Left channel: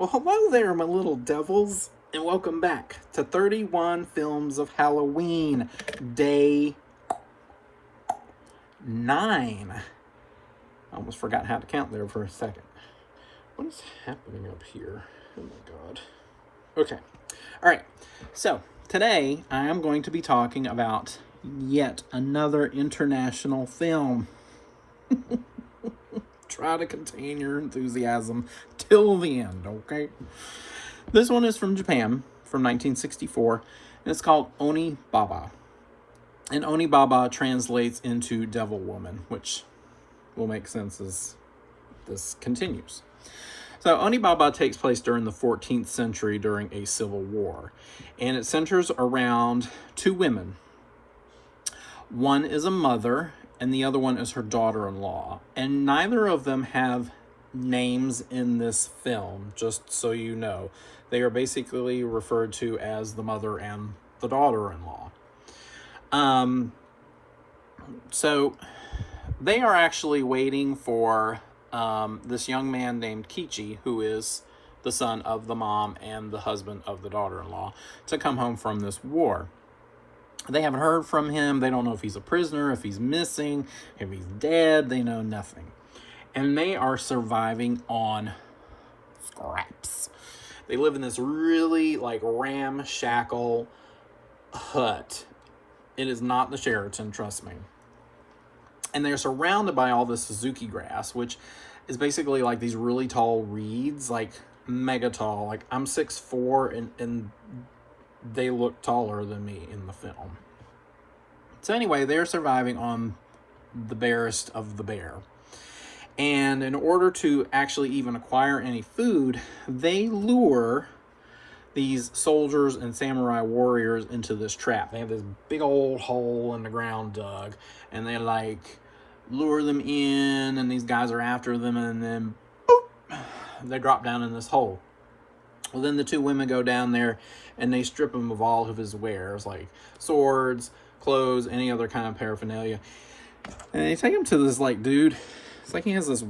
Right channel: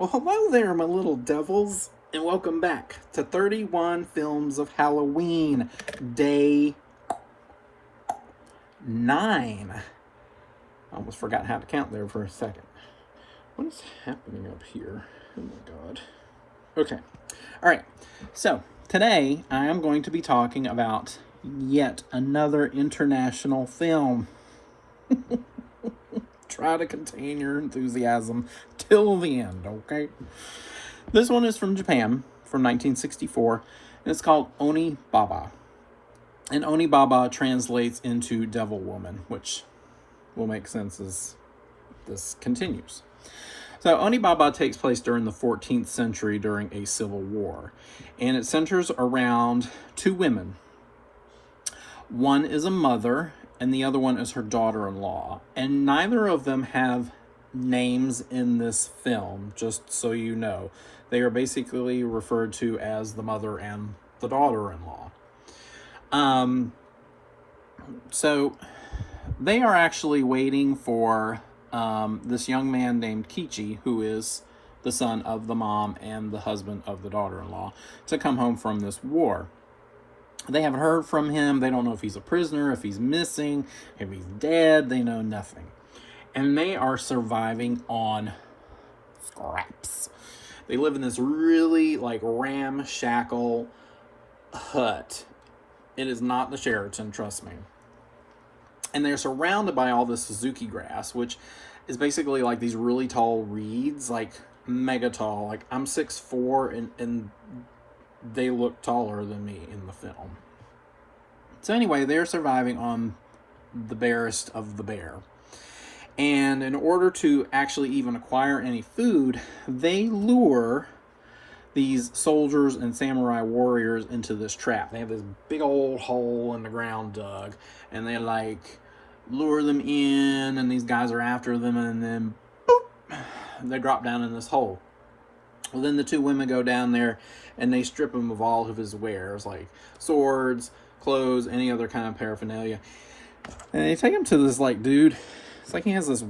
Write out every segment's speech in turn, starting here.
Well, hello there, my little devils, and welcome back to 31 Films of Halloween, Day 9. I almost forgot how to count there for a second. What is happening up here? Oh my god. Okay. Alright, so today I am going to be talking about yet another international film. Try to contain your enthusiasm till the end, okay? This one is from Japan, from 1964, and it's called Onibaba. And Onibaba translates into Devil Woman, which will make sense as this continues. So Onibaba takes place during the 14th century during a civil war, and it centers around two women. One is a mother, and the other one is her daughter-in-law. And neither of them have names in this film, just so you know. They are basically referred to as the mother and the daughter-in-law. So they are actually waiting for this young man named Kichi, who is the son of the mom and the husband of the daughter-in-law, to come home from this war. They haven't heard from him. They don't know if he's a prisoner, if he's missing, if he's dead. They know nothing. And they are surviving on scraps. They live in this really, ramshackle hut. It is not the Sheraton, trust me. And they're surrounded by all this Suzuki grass, which is basically like these really tall reeds, like mega tall. Like I'm 6'4", and they look taller than me in the film. So anyway, they're surviving on the barest of the bare. And in order to actually even acquire any food, they lure these soldiers and samurai warriors into this trap. They have this big old hole in the ground dug, and they lure them in, and these guys are after them, and then boop, they drop down in this hole. Well, then the two women go down there and they strip him of all of his wares, like swords, clothes, any other kind of paraphernalia. And they take him to this, dude, it's like he has this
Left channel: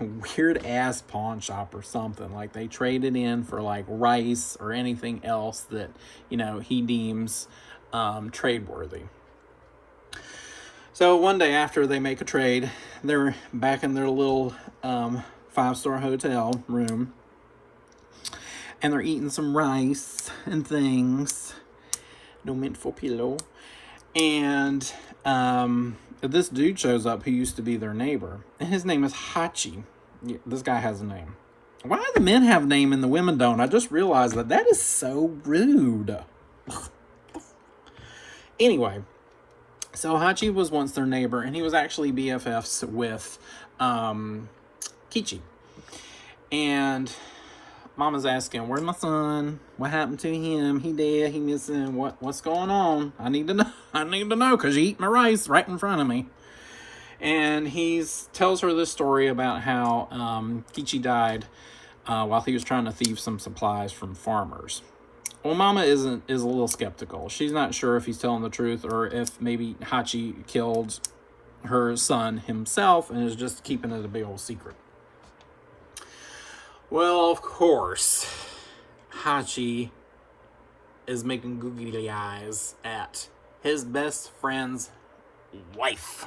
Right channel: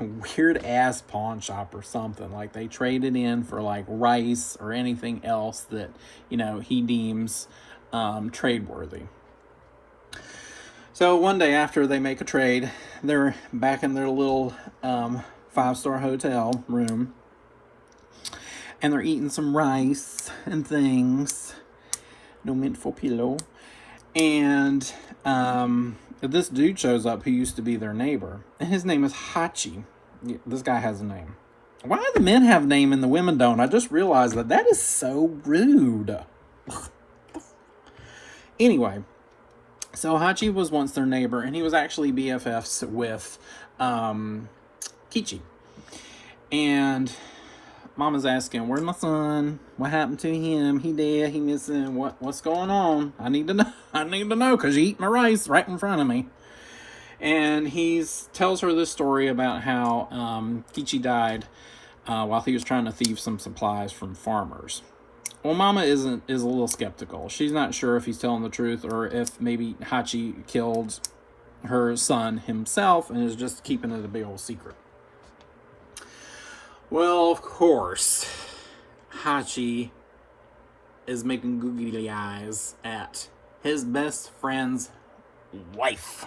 weird ass pawn shop or something. Like they trade it in for rice or anything else that, he deems trade-worthy. So one day after they make a trade, they're back in their little 5-star hotel room. And they're eating some rice and things. No mint for pillow. And this dude shows up who used to be their neighbor. And his name is Hachi. Yeah, this guy has a name. Why do the men have a name and the women don't? I just realized that is so rude. Anyway, so Hachi was once their neighbor, and he was actually BFFs with Kichi. And Mama's asking, "Where's my son? What happened to him? He dead? He missing? What's going on? I need to know. I need to know because you eat my rice right in front of me." And he tells her this story about how Kichi died while he was trying to thieve some supplies from farmers. Well, Mama is a little skeptical. She's not sure if he's telling the truth or if maybe Hachi killed her son himself and is just keeping it a big old secret. Well, of course, Hachi is making googly eyes at his best friend's wife.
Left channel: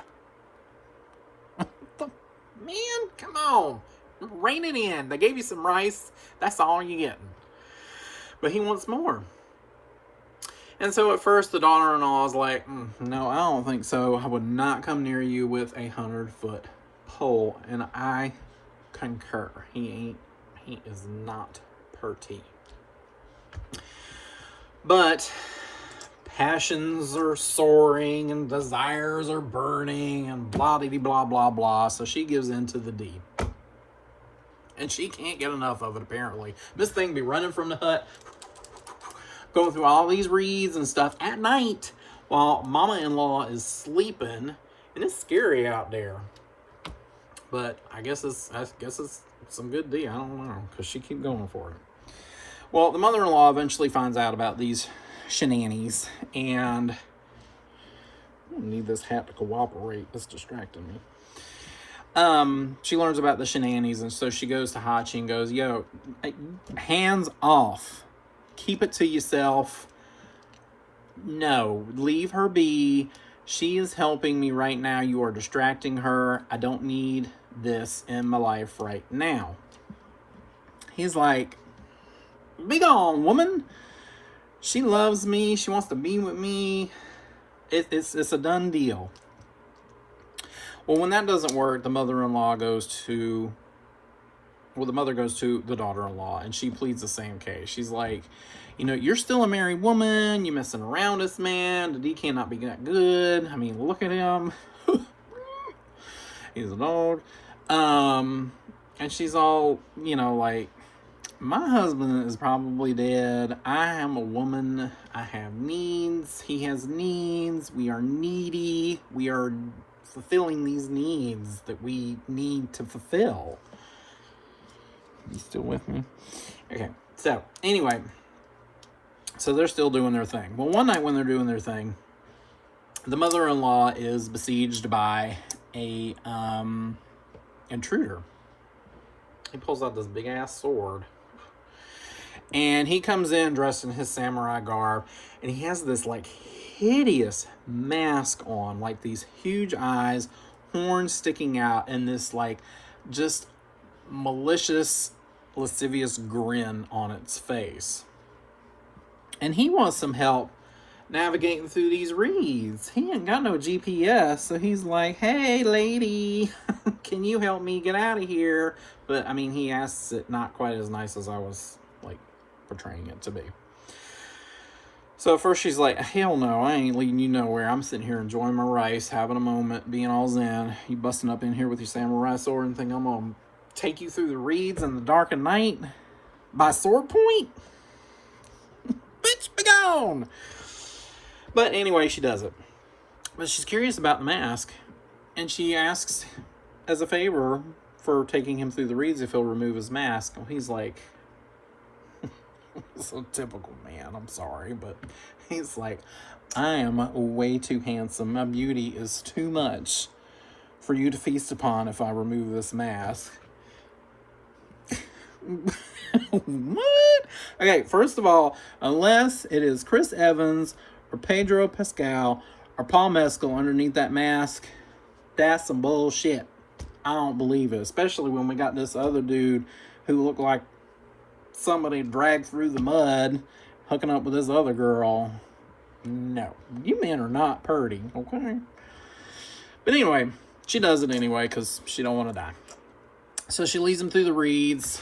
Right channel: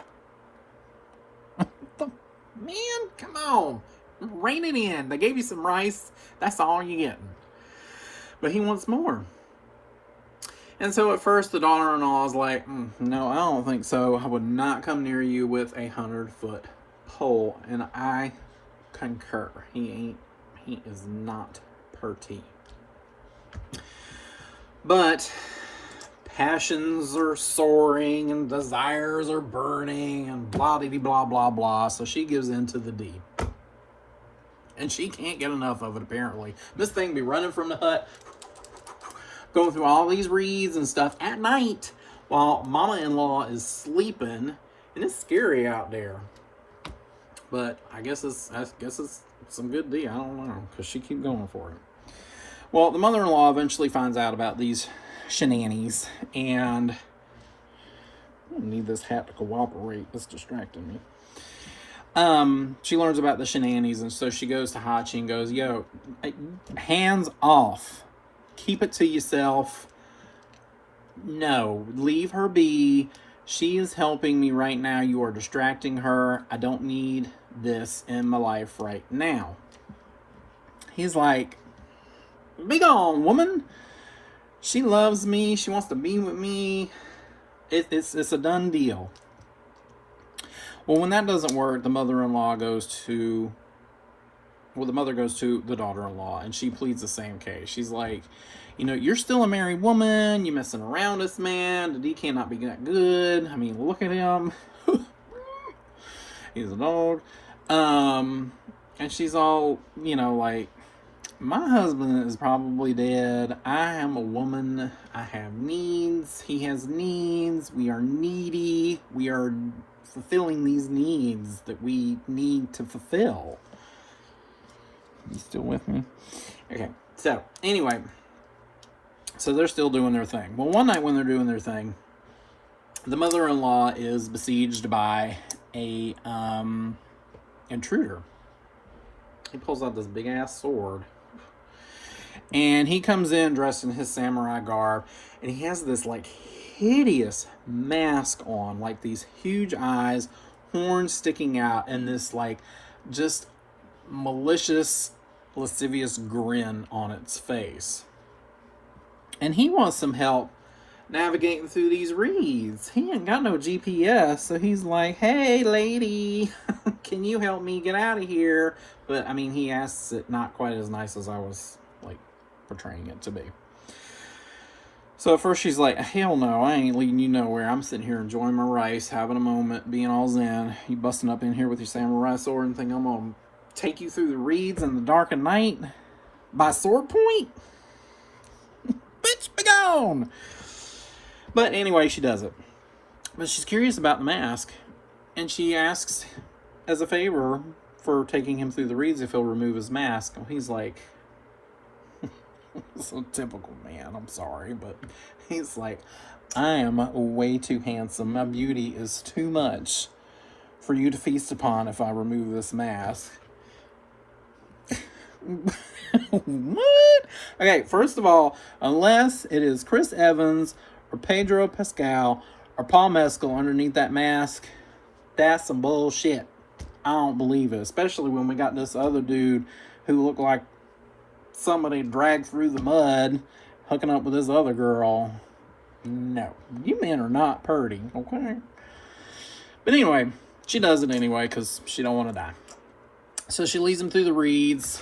Man, come on. Rein it in. They gave you some rice. That's all you're getting. But he wants more. And so at first the daughter-in-law is like, no, I don't think so. I would not come near you with a 100-foot pole. And I concur. He is not pretty. But passions are soaring and desires are burning and blah blah blah. So she gives in to the deed. And she can't get enough of it, apparently. This thing be running from the hut, going through all these reeds and stuff at night while Mama-in-law is sleeping. And it's scary out there. But I guess it's some good deal. I don't know, because she keep going for it. Well, the mother-in-law eventually finds out about these shenanigans, and I need this hat to cooperate. It's distracting me. She learns about the shenanigans, and so she goes to Hachi and goes, yo, hands off. Keep it to yourself. No, leave her be. She is helping me right now. You are distracting her. I don't need this in my life right now. He's like, be gone, woman. She loves me. She wants to be with me. It's a done deal. Well, when that doesn't work, the mother-in-law goes to... Well, the mother goes to the daughter-in-law, and she pleads the same case. She's like, you know, you're still a married woman. You're messing around this man. The D cannot be that good. I mean, look at him. He's a dog. And she's all, you know, like, my husband is probably dead. I am a woman. I have needs. He has needs. We are needy. We are fulfilling these needs that we need to fulfill. You still with me? Okay. So, anyway. So, they're still doing their thing. Well, one night when they're doing their thing, the mother-in-law is besieged by a intruder. He pulls out this big-ass sword. And he comes in dressed in his samurai garb. And he has this, like, hideous mask on. Like, these huge eyes, horns sticking out, and this, like, just malicious, lascivious grin on its face. And he wants some help navigating through these reeds. He ain't got no GPS, so he's like, hey, lady, can you help me get out of here? But, I mean, he asks it not quite as nice as I was, like, portraying it to be. So at first she's like, hell no, I ain't leading you nowhere. I'm sitting here enjoying my rice, having a moment, being all zen. You busting up in here with your samurai sword and think I'm going to take you through the reeds in the dark of night by sword point? Bitch, be gone! But anyway, she does it. But she's curious about the mask. And she asks, as a favor, for taking him through the reeds if he'll remove his mask. Well, he's like, so typical man, I'm sorry. But he's like, I am way too handsome. My beauty is too much for you to feast upon if I remove this mask. What? Okay, first of all, unless it is Chris Evans or Pedro Pascal or Paul Mescal underneath that mask, that's some bullshit. I don't believe it, especially when we got this other dude who looked like somebody dragged through the mud hooking up with this other girl. No, you men are not purty, okay? But anyway, she does it anyway because she don't want to die. So she leads him through the reeds,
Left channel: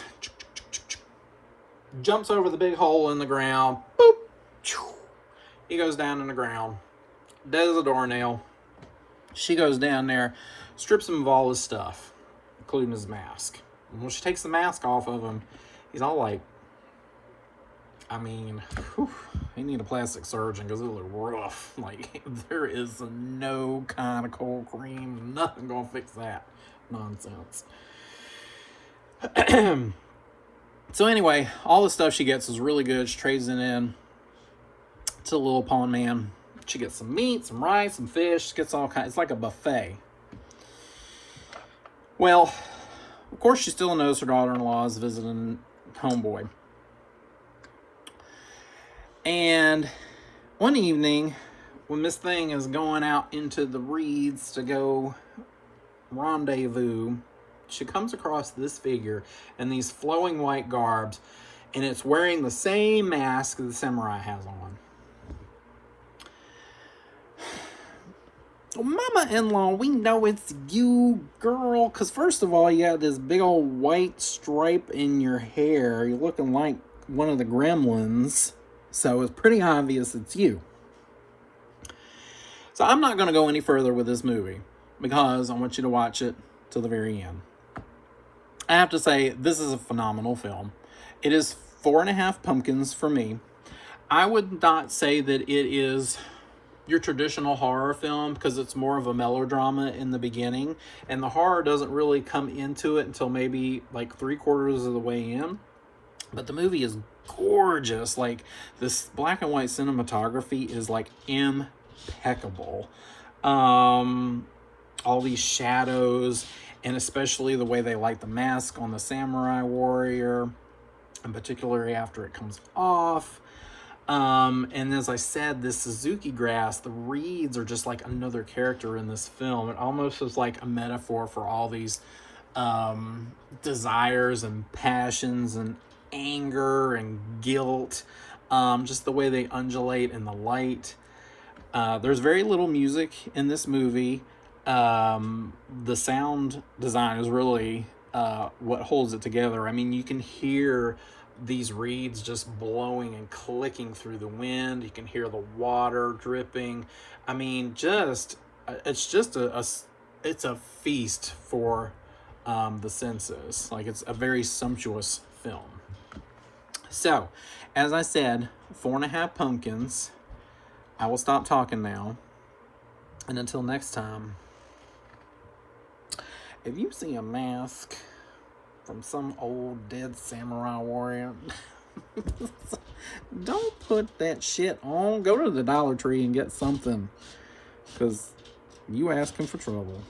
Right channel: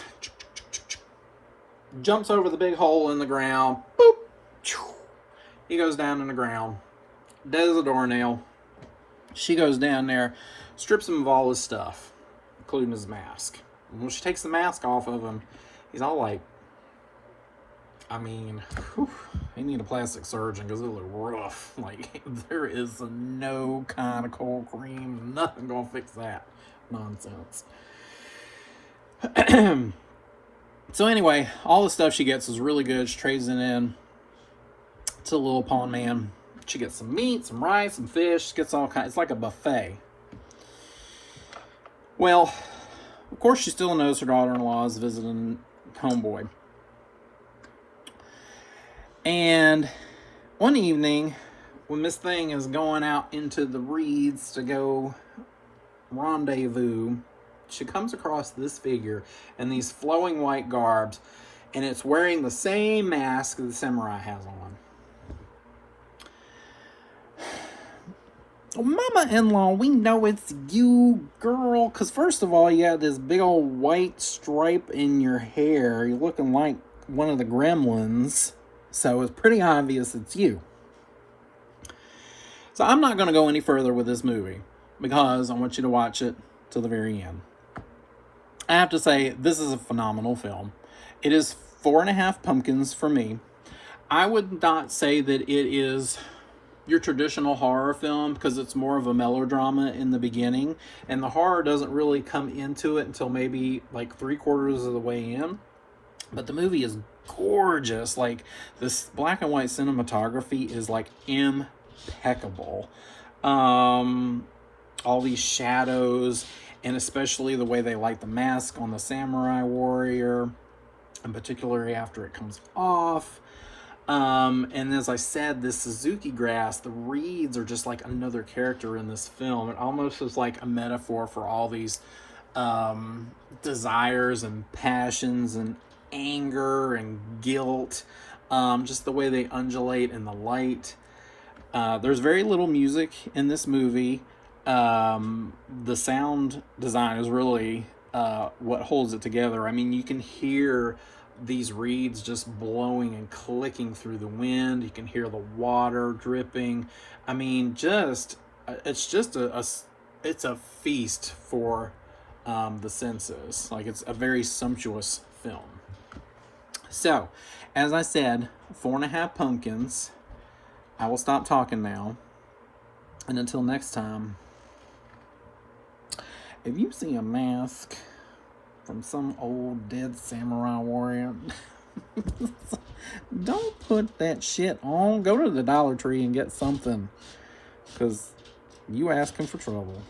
jumps over the big hole in the ground. Boop. He goes down in the ground. Does a doornail. She goes down there, strips him of all his stuff, including his mask. And when she takes the mask off of him, he's all like, I mean, they need a plastic surgeon because it looks rough. Like, there is no kind of cold cream, nothing gonna fix that nonsense. So anyway, all the stuff she gets is really good. She trades it in to the little pawn man. She gets some meat, some rice, some fish. She gets all kinds. It's like a buffet. Well, of course, she still knows her daughter-in-law is visiting homeboy. And one evening, when Miss Thing is going out into the reeds to go rendezvous, she comes across this figure in these flowing white garbs, and it's wearing the same mask that the samurai has on. Mama-in-law, we know it's you, girl, because first of all, you got this big old white stripe in your hair. You're looking like one of the gremlins, so it's pretty obvious it's you. So I'm not going to go any further with this movie, because I want you to watch it to the very end. I have to say, this is a phenomenal film. It is 4.5 pumpkins for me. I would not say that it is your traditional horror film because it's more of a melodrama in the beginning, and the horror doesn't really come into it until maybe like 3/4 of the way in. But the movie is gorgeous. Like, this black and white cinematography is like impeccable. All these shadows and especially the way they light the mask on the samurai warrior, and particularly after it comes off. And as I said, this Suzuki grass, the reeds are just like another character in this film. It almost is like a metaphor for all these desires and passions and anger and guilt. Just the way they undulate in the light. There's very little music in this movie. The sound design is really what holds it together. I mean, you can hear these reeds just blowing and clicking through the wind. You can hear the water dripping. I mean, it's just it's a feast for the senses. Like, it's a very sumptuous film. So, as I said, 4.5 pumpkins. I will stop talking now. And until next time, if you see a mask from some old dead samurai warrior, don't put that shit on. Go to the Dollar Tree and get something, because you asking for trouble.